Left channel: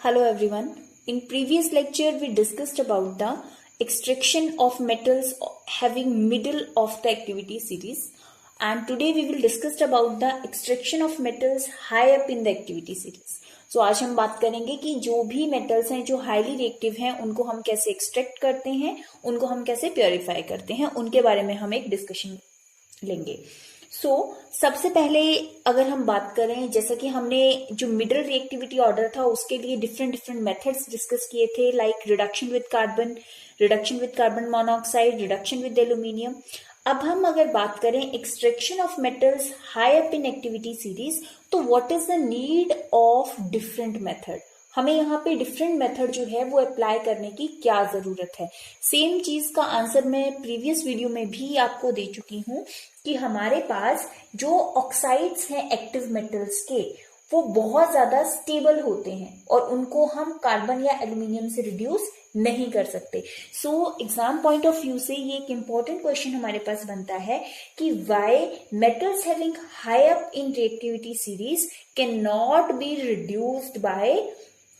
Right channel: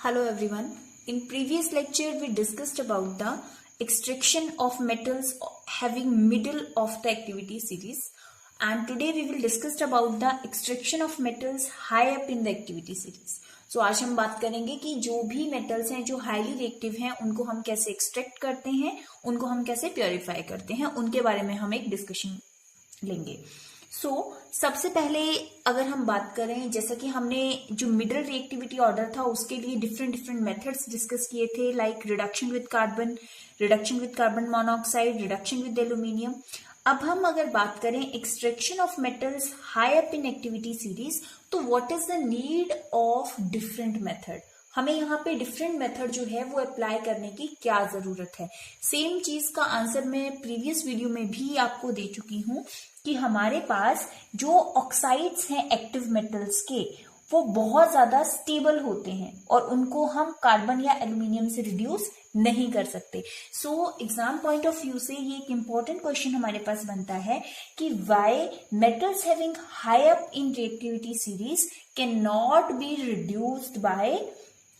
Hello everyone. In previous lecture we discussed about the extraction of metals having middle of the activity series, and today we will discuss about the extraction of metals high up in the activity series. So आज हम बात करेंगे कि जो भी metals हैं जो highly reactive हैं उनको हम कैसे एक्सट्रैक्ट करते हैं, उनको हम कैसे प्योरीफाई करते हैं, उनके बारे में हम एक डिस्कशन लेंगे। सबसे पहले अगर हम बात करें, जैसा कि हमने जो मिडल रिएक्टिविटी ऑर्डर था उसके लिए डिफरेंट मेथड्स डिस्कस किए थे, like reduction with carbon monoxide, reduction with aluminium. अब हम अगर बात करें extraction of metals high up in activity series, तो what is the need of different method. हमें यहाँ पे डिफरेंट मेथड जो है वो अप्लाई करने की क्या जरूरत है। सेम चीज का आंसर मैं प्रीवियस वीडियो में भी आपको दे चुकी हूँ कि हमारे पास जो ऑक्साइड्स हैं एक्टिव मेटल्स के, वो बहुत ज्यादा स्टेबल होते हैं और उनको हम कार्बन या एल्यूमिनियम से रिड्यूस नहीं कर सकते। एग्जाम पॉइंट ऑफ व्यू से ये एक इंपॉर्टेंट क्वेश्चन हमारे पास बनता है कि why metals having high up in reactivity series can not be reduced by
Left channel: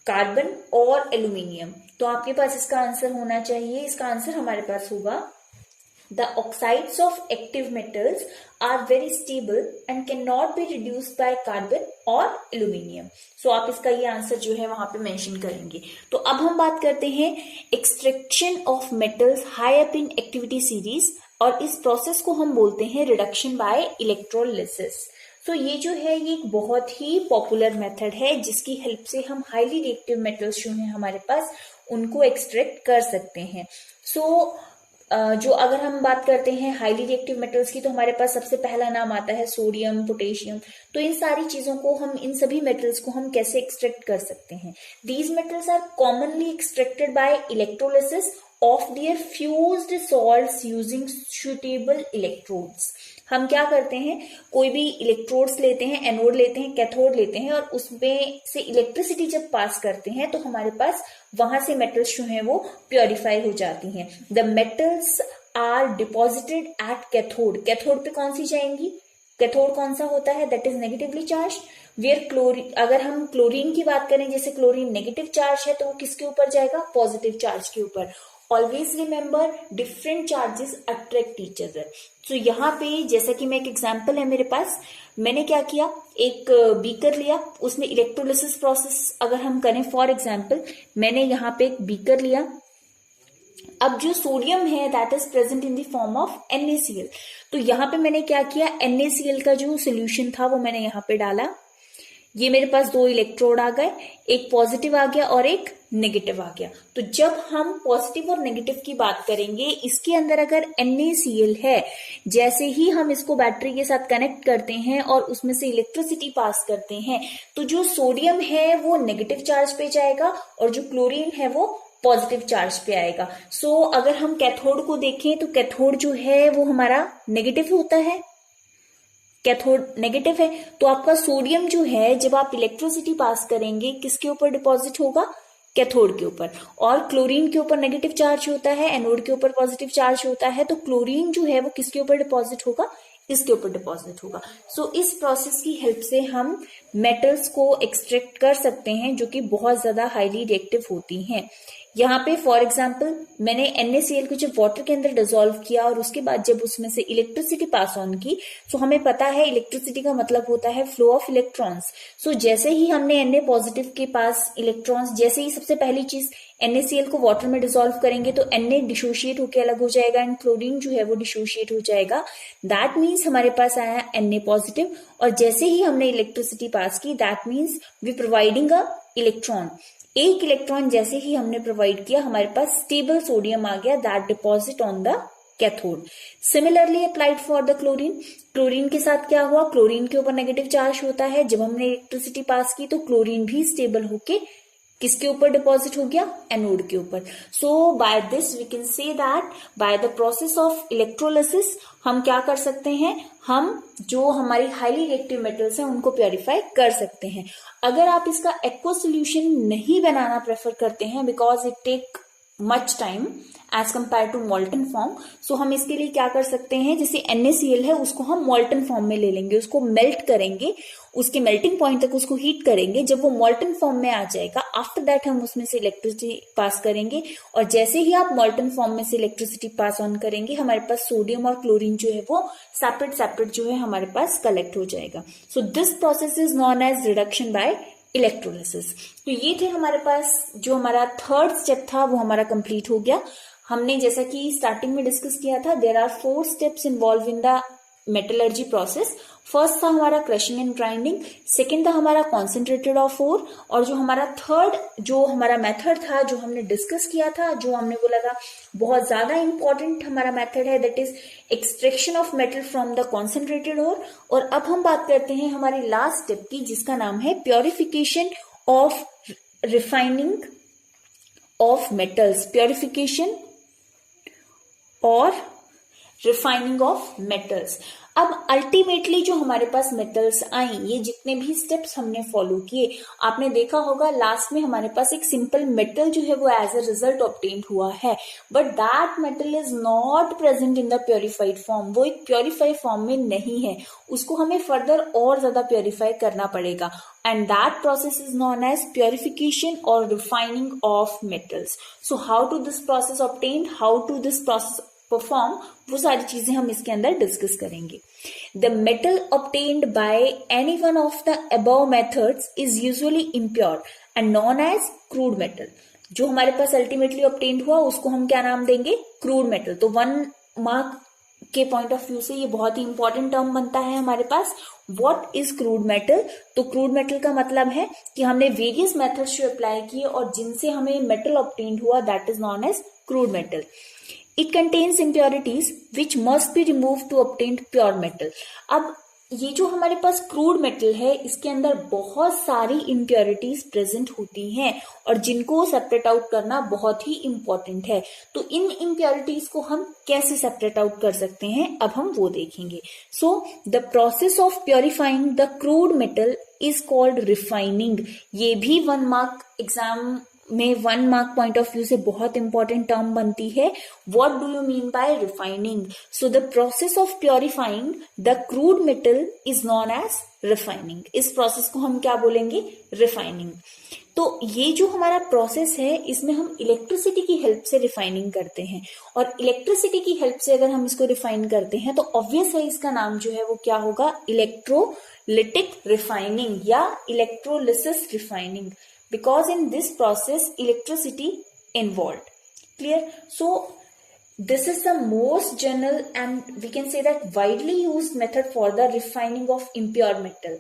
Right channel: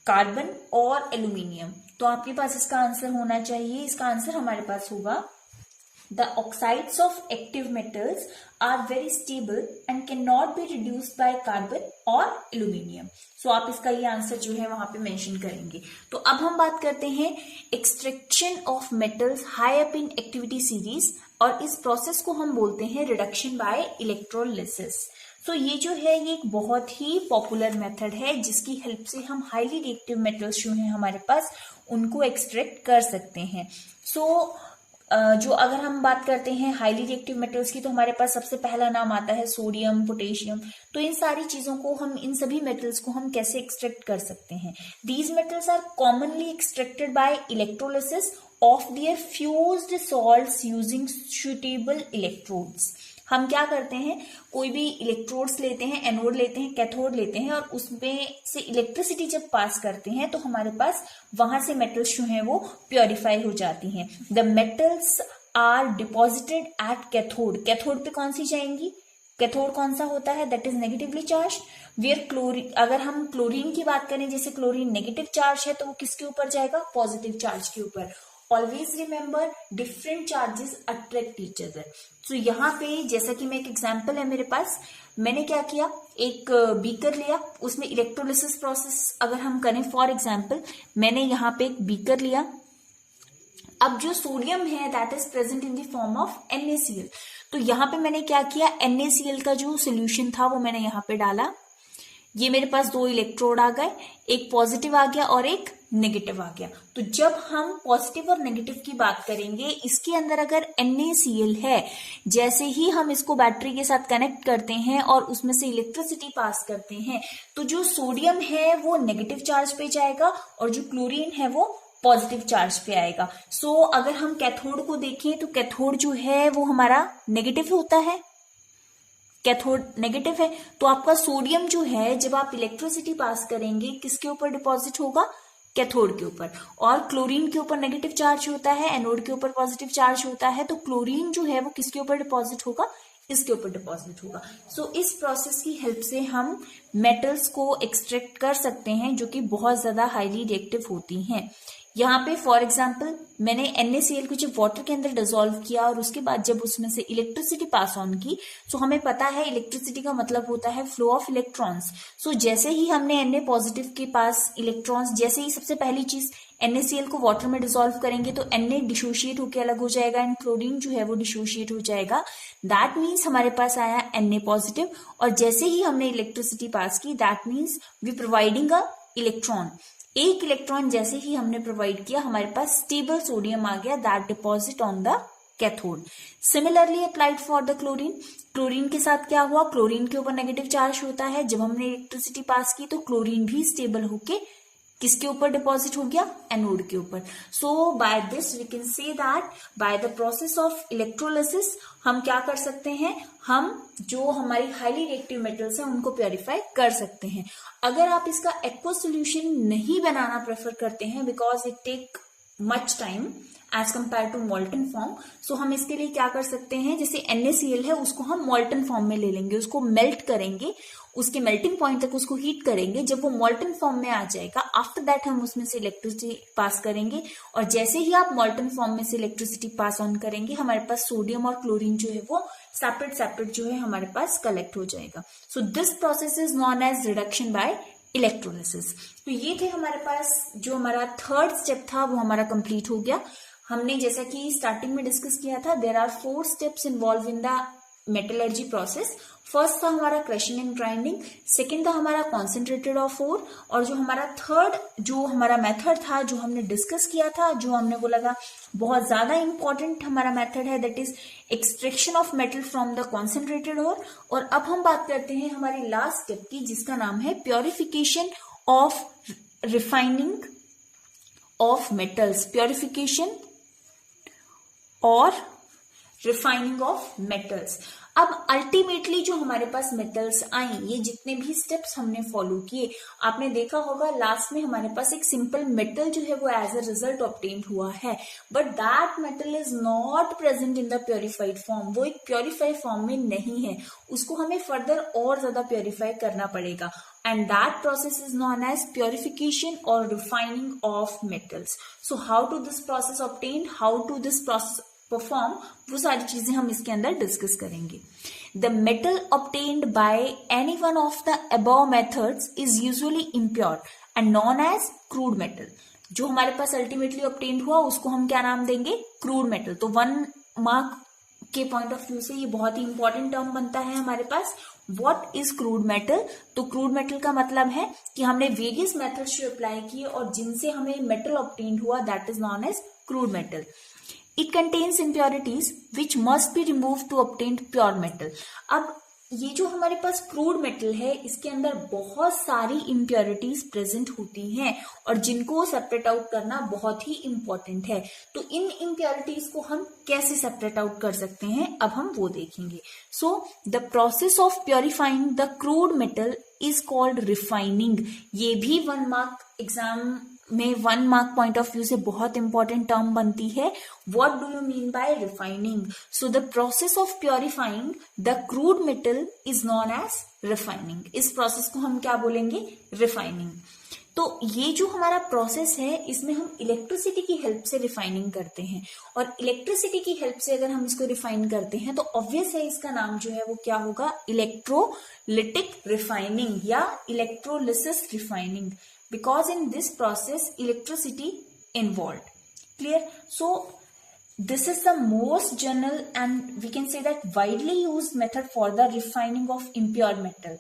carbon और एल्यूमिनियम। तो आपके पास इसका आंसर होना चाहिए, इसका आंसर हमारे पास होगा the oxides of active metals are very stable and cannot be reduced by carbon or aluminium. आप इसका ये आंसर जो है वहां पे मेंशन करेंगे। तो अब हम बात करते हैं extraction of metals high up in activity series, और इस प्रोसेस को हम बोलते हैं रिडक्शन बाय इलेक्ट्रोलिसिस। ये जो है ये एक बहुत ही पॉपुलर मेथड है जिसकी हेल्प से हम हाईली रिएक्टिव मेटल्स जो है हमारे पास उनको एक्सट्रैक्ट कर सकते हैं। जो अगर हम बात करते हैं हाईली रिएक्टिव मेटल्स की, तो हमारे पास सबसे पहला नाम आता है सोडियम, पोटेशियम। तो इन सारी चीजों को हम, इन सभी मेटल्स को हम कैसे एक्सट्रैक्ट कर सकते हैं। These metals are commonly extracted by electrolysis of their fused salts using suitable electrodes. हम क्या करते हैं, कोई भी इलेक्ट्रोड्स लेते हैं, एनोड लेते हैं, कैथोड लेते हैं, और उसमें से इलेक्ट्रिसिटी जब पास करते हैं तो हमारे पास वहां से मेटल्स जो हैं वो प्योरीफाई हो जाती हैं। The metals are deposited at cathode. Cathode पे कौन सी जाएंगी, कैथोड कौन सा होता है, that is negatively charge. Where chlorine, अगर हम क्लोरीन की बात करें, जैसे क्लोरीन नेगेटिव चार्ज है तो वो किसके ऊपर जाएगा, पॉजिटिव चार्ज के ऊपर। Always remember different charges attract each other. यहाँ पे जैसा कि मैं एक एग्जाम्पल है मेरे पास, मैंने क्या किया, एक बीकर लिया, उसमें इलेक्ट्रोलिसिस प्रोसेस अगर हम करें, फॉर एग्जाम्पल मैंने यहाँ पे एक बीकर लिया। अब जो सोडियम है that is present in the form of NaCl। तो यहाँ पे मैंने क्या किया, NaCl का जो सोल्यूशन था वो मैंने यहाँ पे डाला। ये मेरे पास दो इलेक्ट्रोड आ गए, एक पॉजिटिव आ गया और एक नेगेटिव आ गया। तो जब हम पॉजिटिव और नेगेटिव की बात करेंगे, इसके अंदर अगर NaCl है, जैसे ही हम इसको बैटरी के साथ कनेक्ट करते हैं और उसमें से इलेक्ट्रिसिटी पास करते हैं, तो जो सोडियम है वो नेगेटिव चार्ज पे जाएगा और जो क्लोरीन है वो पॉजिटिव चार्ज पे आएगा। अगर हम कैथोड को देखें तो कैथोड जो है वो हमारा नेगेटिव होता है, कैथोड नेगेटिव है। तो आपका सोडियम जो है जब आप इलेक्ट्रिसिटी पास करेंगे किसके ऊपर डिपॉजिट होगा, कैथोड के ऊपर। और क्लोरीन के ऊपर नेगेटिव चार्ज होता है, एनोड के ऊपर पॉजिटिव चार्ज होता है। तो क्लोरीन जो है वो किसके ऊपर डिपॉजिट होगा, इसके ऊपर डिपॉजिट होगा। इस प्रोसेस की हेल्प से हम मेटल्स को एक्सट्रैक्ट कर सकते हैं जो कि बहुत ज्यादा हाईली रिएक्टिव होती हैं। यहाँ पे फॉर एग्जाम्पल मैंने NaCl को जब वाटर के अंदर डिसॉल्व किया और उसके बाद जब उसमें से इलेक्ट्रिसिटी पास ऑन की, हमें पता है इलेक्ट्रिसिटी का मतलब होता है फ्लो ऑफ इलेक्ट्रॉन्स। जैसे ही हमने Na पॉजिटिव के पास इलेक्ट्रॉन्स, जैसे ही सबसे पहली चीज NaCl को वाटर में डिसॉल्व करेंगे तो Na डिसोशिएट होकर अलग हो जाएगा एंड क्लोरीन जो है वो डिसोशिएट हो जाएगा। दैट मीन्स हमारे पास आया Na पॉजिटिव, और जैसे ही हमने इलेक्ट्रिसिटी पास की that means we providing a electron. एक इलेक्ट्रॉन जैसे ही हमने प्रोवाइड किया, हमारे पास स्टेबल सोडियम आ गया, that deposit on the cathode. Similarly applied for the chlorine. Chlorine के साथ क्या हुआ, क्लोरीन के ऊपर नेगेटिव चार्ज होता है, जब हमने इलेक्ट्रिसिटी पास की तो क्लोरीन भी स्टेबल होके किसके ऊपर डिपॉजिट हो गया, एनोड के ऊपर। By this we can say that by the process of electrolysis हम क्या कर सकते हैं, हम जो हमारी हाईली रिएक्टिव मेटल्स हैं उनको प्योरीफाई कर सकते हैं। अगर आप इसका एक्वा सोल्यूशन नहीं बनाना प्रेफर करते हैं because it take much time as compare to molten form. So हम इसके लिए क्या कर सकते हैं, जैसे NaCl है उसको हम मॉल्टन फॉर्म में ले लेंगे, उसको मेल्ट करेंगे, उसके मेल्टिंग पॉइंट तक उसको हीट करेंगे। जब वो मॉल्टन फॉर्म में आ जाएगा, आफ्टर दैट हम उसमें से इलेक्ट्रिसिटी पास करेंगे, और जैसे ही आप मॉल्टन फॉर्म में से इलेक्ट्रिसिटी पास ऑन करेंगे, हमारे पास सोडियम और क्लोरीन जो है वो सेपरेट सेपरेट जो है हमारे पास कलेक्ट हो जाएगा। So this process is known as reduction by electrolysis. तो ये थे हमारे पास, जो हमारा थर्ड स्टेप था वो हमारा कंप्लीट हो गया। हमने जैसा कि स्टार्टिंग में डिस्कस किया था, there are 4 steps involved in the metallurgy process. First था हमारा क्रशिंग एंड ग्राइंडिंग, सेकेंड था हमारा कॉन्सेंट्रेटेड ऑफ ओर, और जो हमारा थर्ड जो हमारा मेथड था जो हमने डिस्कस किया था, जो हमने वो लगा बहुत ज्यादा इंपॉर्टेंट हमारा मेथड है, that is extraction of metal from the concentrated ore. और अब हम बात करते हैं हमारी लास्ट स्टेप की, जिसका नाम है purification of refining of metals, purification और रिफाइनिंग ऑफ मेटल्स। अब अल्टीमेटली जो हमारे पास मेटल्स आई, ये जितने भी स्टेप्स हमने फॉलो किए, आपने देखा होगा लास्ट में हमारे पास एक सिंपल मेटल जो है वो एज अ रिजल्ट ऑब्टेन्ड हुआ है, but that metal is not present in the purified form. वो एक प्योरिफाइड फॉर्म में नहीं है, उसको हमें फर्दर और ज्यादा प्योरिफाई करना पड़ेगा, and that process is known as purification or refining of metals. So how to this process obtained, how to this process perform, वो सारी चीजें हम इसके अंदर डिस्कस करेंगे। The metal obtained by any one of the above methods is usually impure and known as crude metal. जो हमारे पास ultimately obtained हुआ उसको हम क्या नाम देंगे, क्रूड मेटल। तो 1 मार्क के पॉइंट ऑफ व्यू से ये बहुत ही इंपॉर्टेंट टर्म बनता है हमारे पास, व्हाट इज क्रूड मेटल। तो क्रूड मेटल का मतलब है कि हमने वेरियस मेथड्स जो अप्लाई किए और जिनसे हमें मेटल ऑब्टेन्ड हुआ, that is known as crude metal. It contains impurities which must be remove to obtain pure metal. अब ये जो हमारे पास क्रूड मेटल है, इसके अंदर बहुत सारी इम्प्योरिटीज प्रेजेंट होती हैं और जिनको सेपरेट आउट करना बहुत ही इंपॉर्टेंट है। तो इन इम्प्योरिटीज को हम कैसे सेपरेट आउट कर सकते हैं, अब हम वो देखेंगे। सो the process of purifying the crude metal is called refining. ये भी 1 मार्क एग्जाम में 1 मार्क पॉइंट ऑफ व्यू से बहुत इंपॉर्टेंट टर्म बनती है। What do you mean by refining? So the process of purifying the crude metal is known as refining. इस process को हम क्या बोलेंगे, रिफाइनिंग। तो ये जो हमारा प्रोसेस है, इसमें हम इलेक्ट्रिसिटी की हेल्प से रिफाइनिंग करते हैं, और इलेक्ट्रिसिटी की हेल्प से अगर हम इसको रिफाइन करते हैं तो ऑब्वियस है इसका नाम जो है वो क्या होगा, इलेक्ट्रोलिटिक रिफाइनिंग या electrolysis refining, because in this process electricity involved. Clear? So this is the most general and we can say that widely used method for the refining of impure metal.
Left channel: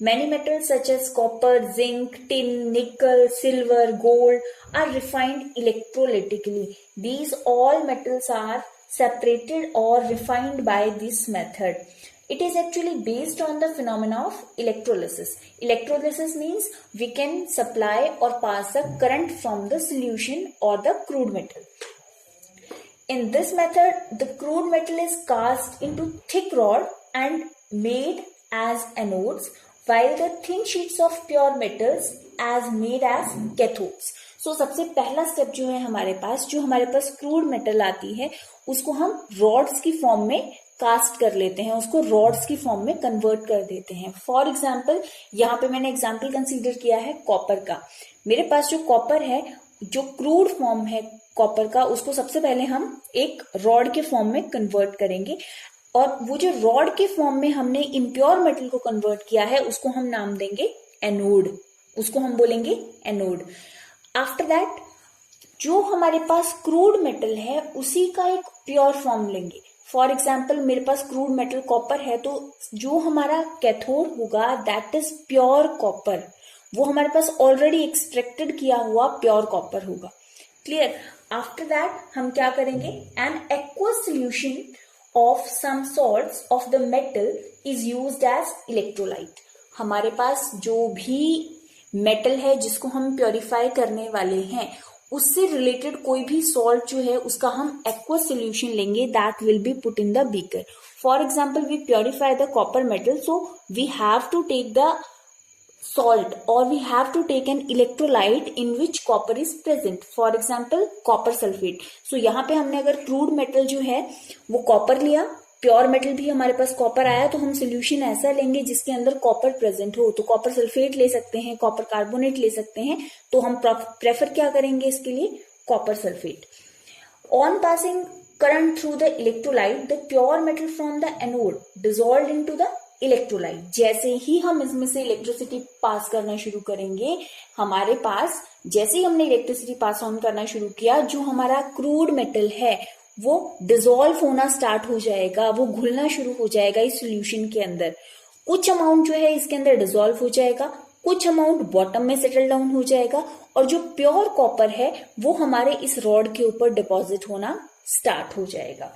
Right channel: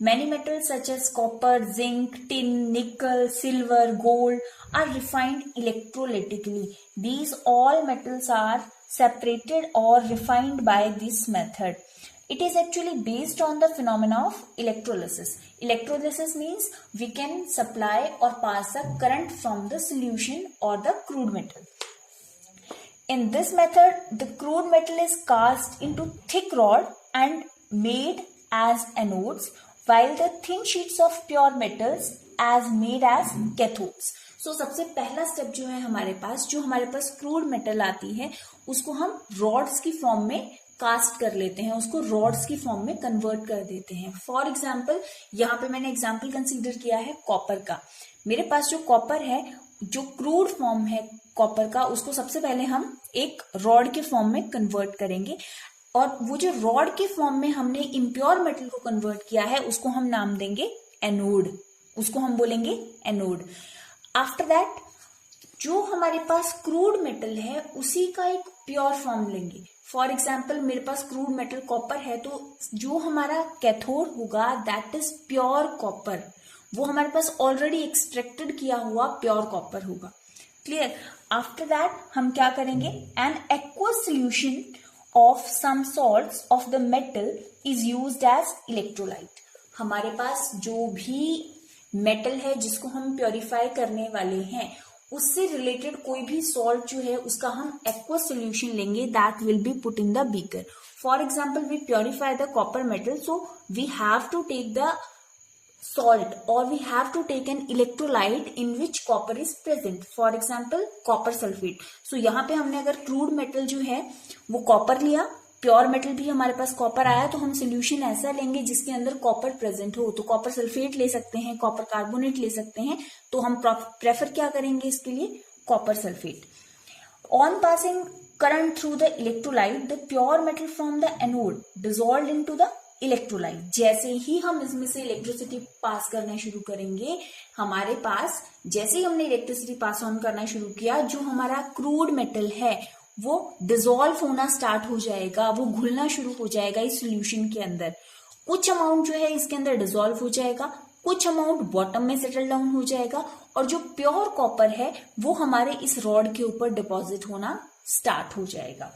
Many metals such as copper, zinc, tin, nickel, silver, gold are refined electrolytically. These all metals are separated or refined by this method. It is actually based on the phenomena of electrolysis. Electrolysis means we can supply or pass a current from the solution or the crude metal. In this method, the crude metal is cast into thick rod and made as anodes, while the thin sheets of pure metals as made as cathodes. So सबसे पहला step जो है हमारे पास, जो हमारे पास crude metal आती है उसको हम रॉड्स की फॉर्म में कास्ट कर लेते हैं, उसको रॉड्स की फॉर्म में कन्वर्ट कर देते हैं। फॉर एग्जाम्पल, यहाँ पे मैंने एग्जाम्पल कंसीडर किया है कॉपर का। मेरे पास जो कॉपर है, जो क्रूड फॉर्म है कॉपर का, उसको सबसे पहले हम एक रॉड के फॉर्म में कन्वर्ट करेंगे, और वो जो रॉड के फॉर्म में हमने इम्प्योर मेटल को कन्वर्ट किया है उसको हम नाम देंगे एनोड, उसको हम बोलेंगे एनोड। आफ्टर दैट जो हमारे पास क्रूड मेटल है उसी का एक प्योर फॉर्म लेंगे। फॉर एग्जाम्पल, मेरे पास क्रूड मेटल कॉपर है, तो जो हमारा कैथोड होगा दैट इज प्योर कॉपर, वो हमारे पास ऑलरेडी एक्सट्रैक्टेड किया हुआ प्योर कॉपर होगा। क्लियर? आफ्टर दैट हम क्या करेंगे, an aqueous solution of some salts of the metal is used as electrolyte. हमारे पास जो भी मेटल है जिसको हम प्योरीफाई करने वाले हैं, उससे रिलेटेड कोई भी सॉल्ट जो है उसका हम एक्वस सोल्यूशन लेंगे, that will be put in the beaker. For example, we purify the copper metal, so we have to take the salt, or we have to take an electrolyte in which copper is present, for example copper sulfate. So यहाँ पे हमने अगर crude metal जो है वो copper लिया, pure metal भी हमारे पास कॉपर आया, तो हम सोल्यूशन ऐसा लेंगे जिसके अंदर कॉपर प्रेजेंट हो. तो कॉपर सल्फेट ले सकते हैं, कॉपर कार्बोनेट ले सकते हैं, तो हम प्रेफर क्या करेंगे इसके लिए, copper sulphate. On passing current through the electrolyte, the pure metal from the anode dissolved into the electrolyte. जैसे ही हम इसमें से इलेक्ट्रिसिटी पास करना शुरू करेंगे, हमारे पास जैसे ही हमने इलेक्ट्रिसिटी पास ऑन करना शुरू किया, जो हमारा क्रूड मेटल है वो डिसॉल्व होना स्टार्ट हो जाएगा, वो घुलना शुरू हो जाएगा इस सोल्यूशन के अंदर. कुछ अमाउंट जो है इसके अंदर डिसॉल्व हो जाएगा, कुछ अमाउंट बॉटम में सेटल डाउन हो जाएगा, और जो प्योर कॉपर है वो हमारे इस रॉड के ऊपर डिपॉजिट होना स्टार्ट हो जाएगा.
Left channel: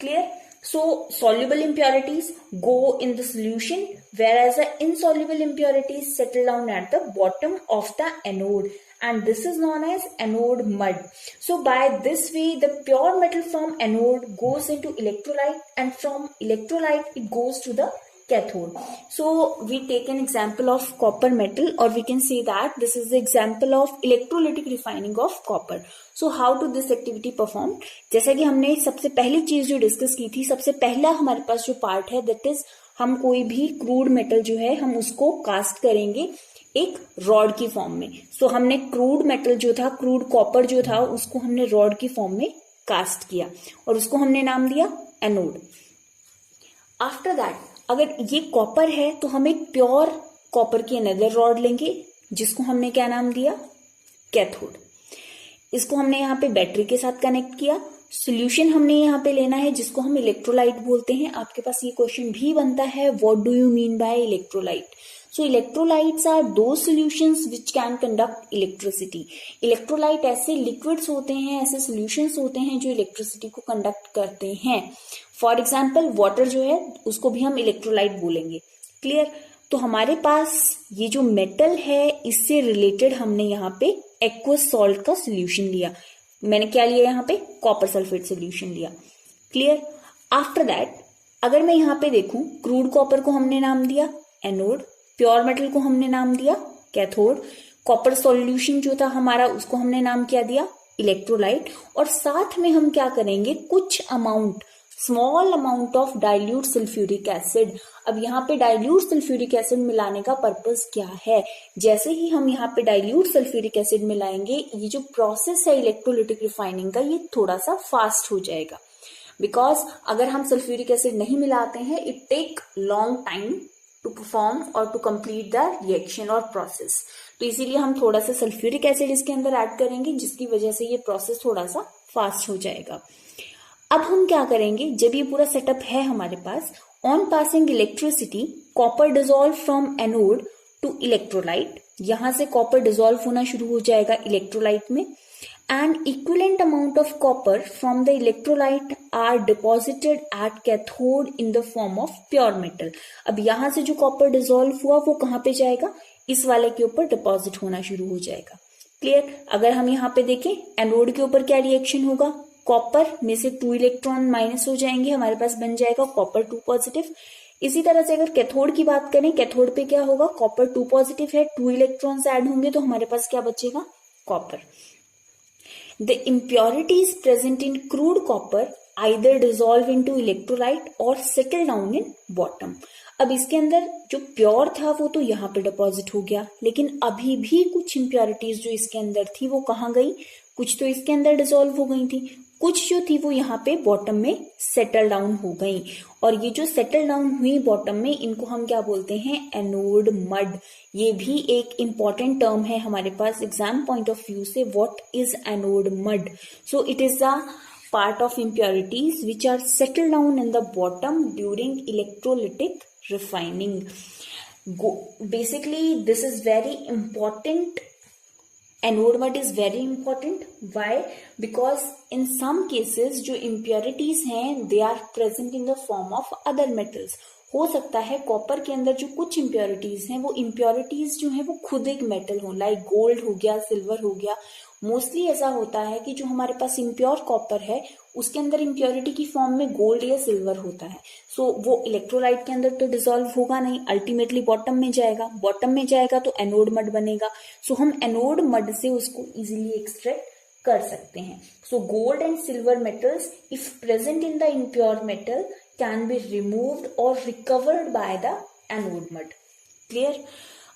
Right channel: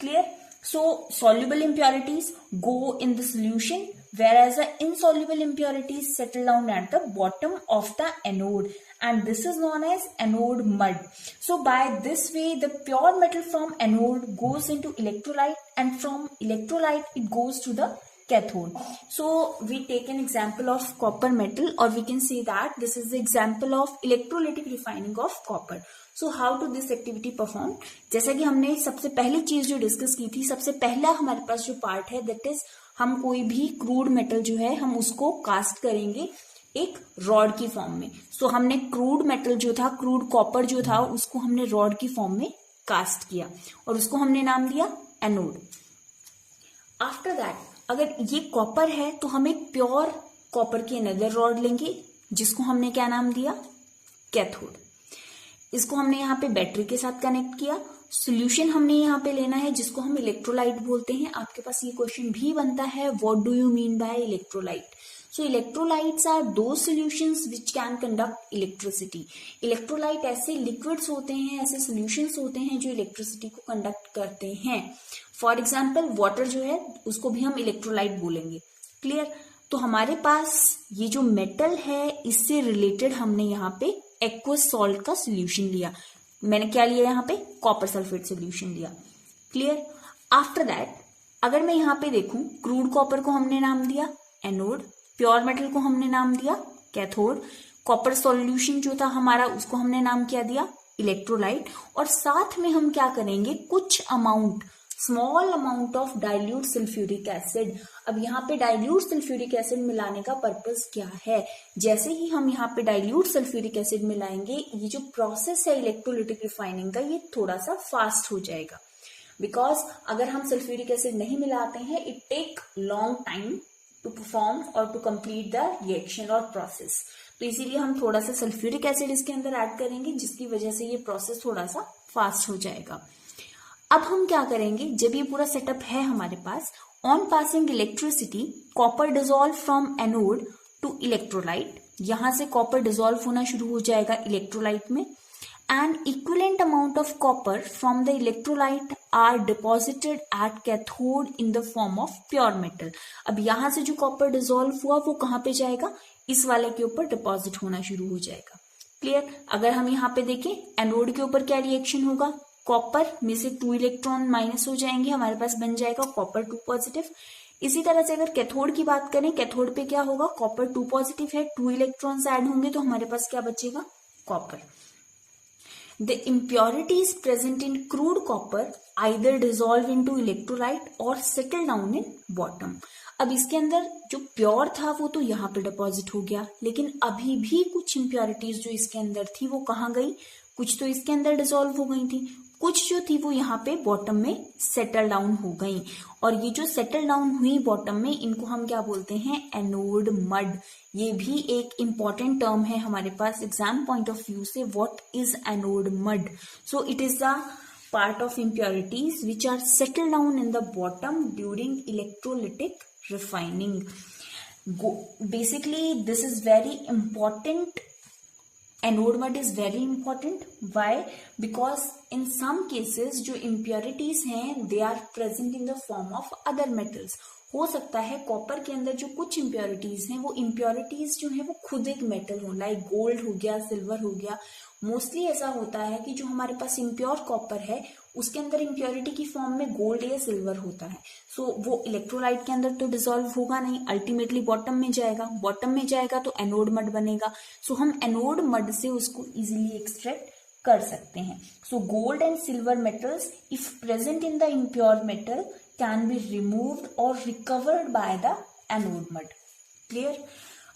Clear? So soluble impurities go in the solution, whereas the insoluble impurities settle down at the bottom of the anode, and this is known as anode mud. So by this way the pure metal from anode goes into electrolyte, and from electrolyte it goes to the cathode. So we take an example of copper metal, or we can say that this is the example of electrolytic refining of copper. So how to this activity perform? जैसा कि हमने सबसे पहली चीज जो discuss की थी, सबसे पहला हमारे पास जो पार्ट है दैट इज हम कोई भी क्रूड मेटल जो है हम उसको कास्ट करेंगे एक रॉड की फॉर्म में. सो हमने क्रूड मेटल जो था, क्रूड कॉपर जो था, उसको हमने रॉड की फॉर्म में कास्ट किया और उसको हमने नाम दिया एनोड. आफ्टर दैट अगर ये कॉपर है तो हम एक प्योर कॉपर की अनदर रॉड लेंगे जिसको हमने क्या नाम दिया, कैथोड. इसको हमने यहाँ पे बैटरी के साथ कनेक्ट किया. सॉल्यूशन हमने यहाँ पे लेना है जिसको हम इलेक्ट्रोलाइट बोलते हैं. आपके पास ये क्वेश्चन भी बनता है, what do you mean by electrolyte? So electrolytes are the solutions which can conduct electricity. Electrolyte ऐसे लिक्विड्स होते हैं, ऐसे सॉल्यूशंस होते हैं जो इलेक्ट्रिसिटी को कंडक्ट करते हैं. फॉर एग्जाम्पल वाटर जो है उसको भी हम इलेक्ट्रोलाइट बोलेंगे. क्लियर? तो हमारे पास ये जो मेटल है इससे रिलेटेड हमने यहाँ पे एक्वस सॉल्ट का सोल्यूशन लिया. मैंने क्या लिया यहाँ पे, कॉपर सल्फेट सोल्यूशन लिया. क्लियर? आफ्टर दैट अगर मैं यहाँ पे देखूं, क्रूड कॉपर को हमने नाम दिया एनोड, प्योर मेटल को हमने नाम दिया कैथोड, कॉपर सॉल्यूशन जो था हमारा उसको हमने नाम क्या दिया, इलेक्ट्रोलाइट. और साथ में हम क्या करेंगे, कुछ amount, small amount of dilute sulphuric acid. अब यहाँ पे डाइल्यूट सल्फ्यूरिक एसिड मिलाने का पर्पस क्या है? जैसे ही हम यहाँ पे डाइल्यूट सल्फ्यूरिक एसिड मिलाएंगे, ये जो प्रोसेस है इलेक्ट्रोलिटिक रिफाइनिंग का, ये थोड़ा सा फास्ट हो जाएगा. बिकॉज अगर हम सल्फ्यूरिक एसिड नहीं मिलाते हैं, it take long time to perform और टू कंप्लीट द रिएक्शन और प्रोसेस. तो इसीलिए हम थोड़ा सा सल्फ्यूरिक एसिड इसके अंदर ऐड करेंगे जिसकी वजह से ये प्रोसेस थोड़ा सा फास्ट हो जाएगा. अब हम क्या करेंगे, जब ये पूरा सेटअप है हमारे पास, on passing electricity copper dissolve from anode to electrolyte. यहां से कॉपर डिसॉल्व होना शुरू हो जाएगा इलेक्ट्रोलाइट में, and equivalent amount of copper from the electrolyte are deposited at cathode in the form of pure metal. अब यहां से जो कॉपर डिसॉल्व हुआ वो कहां पे जाएगा, इस वाले के ऊपर डिपॉजिट होना शुरू हो जाएगा. क्लियर? अगर हम यहाँ पे देखें, एनोड के ऊपर क्या रिएक्शन होगा, कॉपर में से 2 इलेक्ट्रॉन माइनस हो जाएंगे, हमारे पास बन जाएगा कॉपर 2 पॉजिटिव. इसी तरह से अगर कैथोड की बात करें, कैथोड पे क्या होगा, कॉपर 2 पॉजिटिव है, 2 इलेक्ट्रॉन्स ऐड होंगे तो हमारे पास क्या बचेगा, copper. The impurities present in crude copper either dissolve into electrolyte और सेटल डाउन इन बॉटम. अब इसके अंदर जो प्योर था वो तो यहाँ पे डिपॉजिट हो गया, लेकिन अभी भी कुछ इम्प्योरिटीज जो इसके अंदर थी वो कहाँ गई, कुछ तो इसके अंदर डिसॉल्व हो गई थी, कुछ जो थी वो यहाँ पे बॉटम में सेटल डाउन हो गई. और ये जो सेटल डाउन हुई बॉटम में, इनको हम क्या बोलते हैं, एनोड मड. ये भी एक इंपॉर्टेंट टर्म है हमारे पास एग्जाम पॉइंट ऑफ व्यू से, what is anode mud. So it is the part of impurities which are settled down in the bottom during electrolytic refining. Basically this is very important. Anode mud is very important. Why? Because in some cases जो impurities हैं they are present in the form of other metals. हो सकता है copper के अंदर जो कुछ impurities हैं वो इम्प्योरिटीज जो हैं वो खुद एक मेटल हो, लाइक गोल्ड हो गया, सिल्वर हो गया। मोस्टली ऐसा होता है कि जो हमारे पास इम्प्योर कॉपर है उसके अंदर इम्प्योरिटी की फॉर्म में गोल्ड या सिल्वर होता है। सो वो इलेक्ट्रोलाइट के अंदर तो डिसॉल्व होगा नहीं, अल्टीमेटली बॉटम में जाएगा तो एनोड मड बनेगा। सो हम एनोड मड से उसको इजीली एक्सट्रैक्ट कर सकते हैं। So gold and silver metals if present in the impure metal can be removed or recovered by the anode mud. Clear?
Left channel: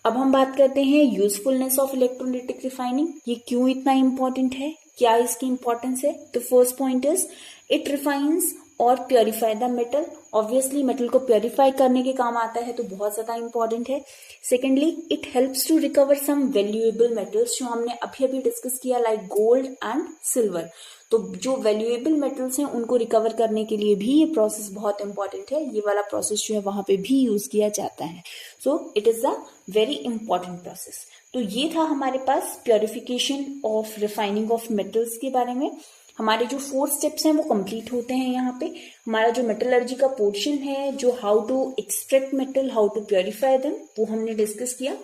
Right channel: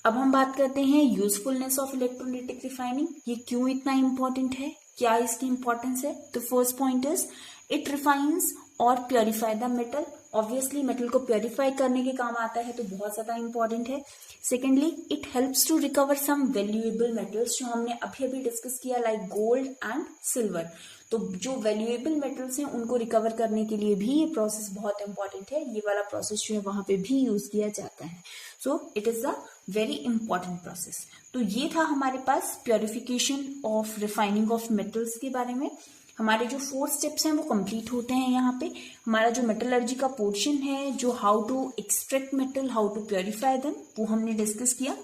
अब हम बात करते हैं यूजफुलनेस ऑफ इलेक्ट्रोलाइटिक रिफाइनिंग। ये क्यों इतना इंपॉर्टेंट है, क्या इसकी इंपॉर्टेंस है? तो फर्स्ट पॉइंट इज इट रिफाइंस और purify the metal. Obviously metal को प्योरीफाई करने के काम आता है, तो बहुत ज्यादा इंपॉर्टेंट है। Secondly it helps to recover some valuable metals, जो हमने अभी अभी डिस्कस किया, लाइक गोल्ड एंड सिल्वर। तो जो वैल्यूएबल मेटल्स हैं उनको रिकवर करने के लिए भी ये प्रोसेस बहुत इंपॉर्टेंट है। ये वाला प्रोसेस जो है वहां पे भी यूज किया जाता है। So it is a very important process. तो ये था हमारे पास purification of refining of metals के बारे में। हमारे जो 4 स्टेप्स हैं वो कंप्लीट होते हैं यहाँ पे। हमारा जो मेटलर्जी का पोर्शन है, जो how to extract metal, how to purify them, वो हमने डिस्कस किया।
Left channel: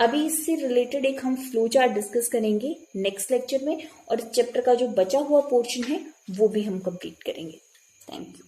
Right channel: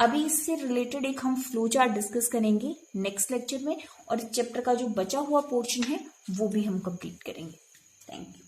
अभी इससे रिलेटेड एक हम फ्लो चार्ट डिस्कस करेंगे नेक्स्ट लेक्चर में, और इस चैप्टर का जो बचा हुआ पोर्शन है वो भी हम कंप्लीट करेंगे। Thank you.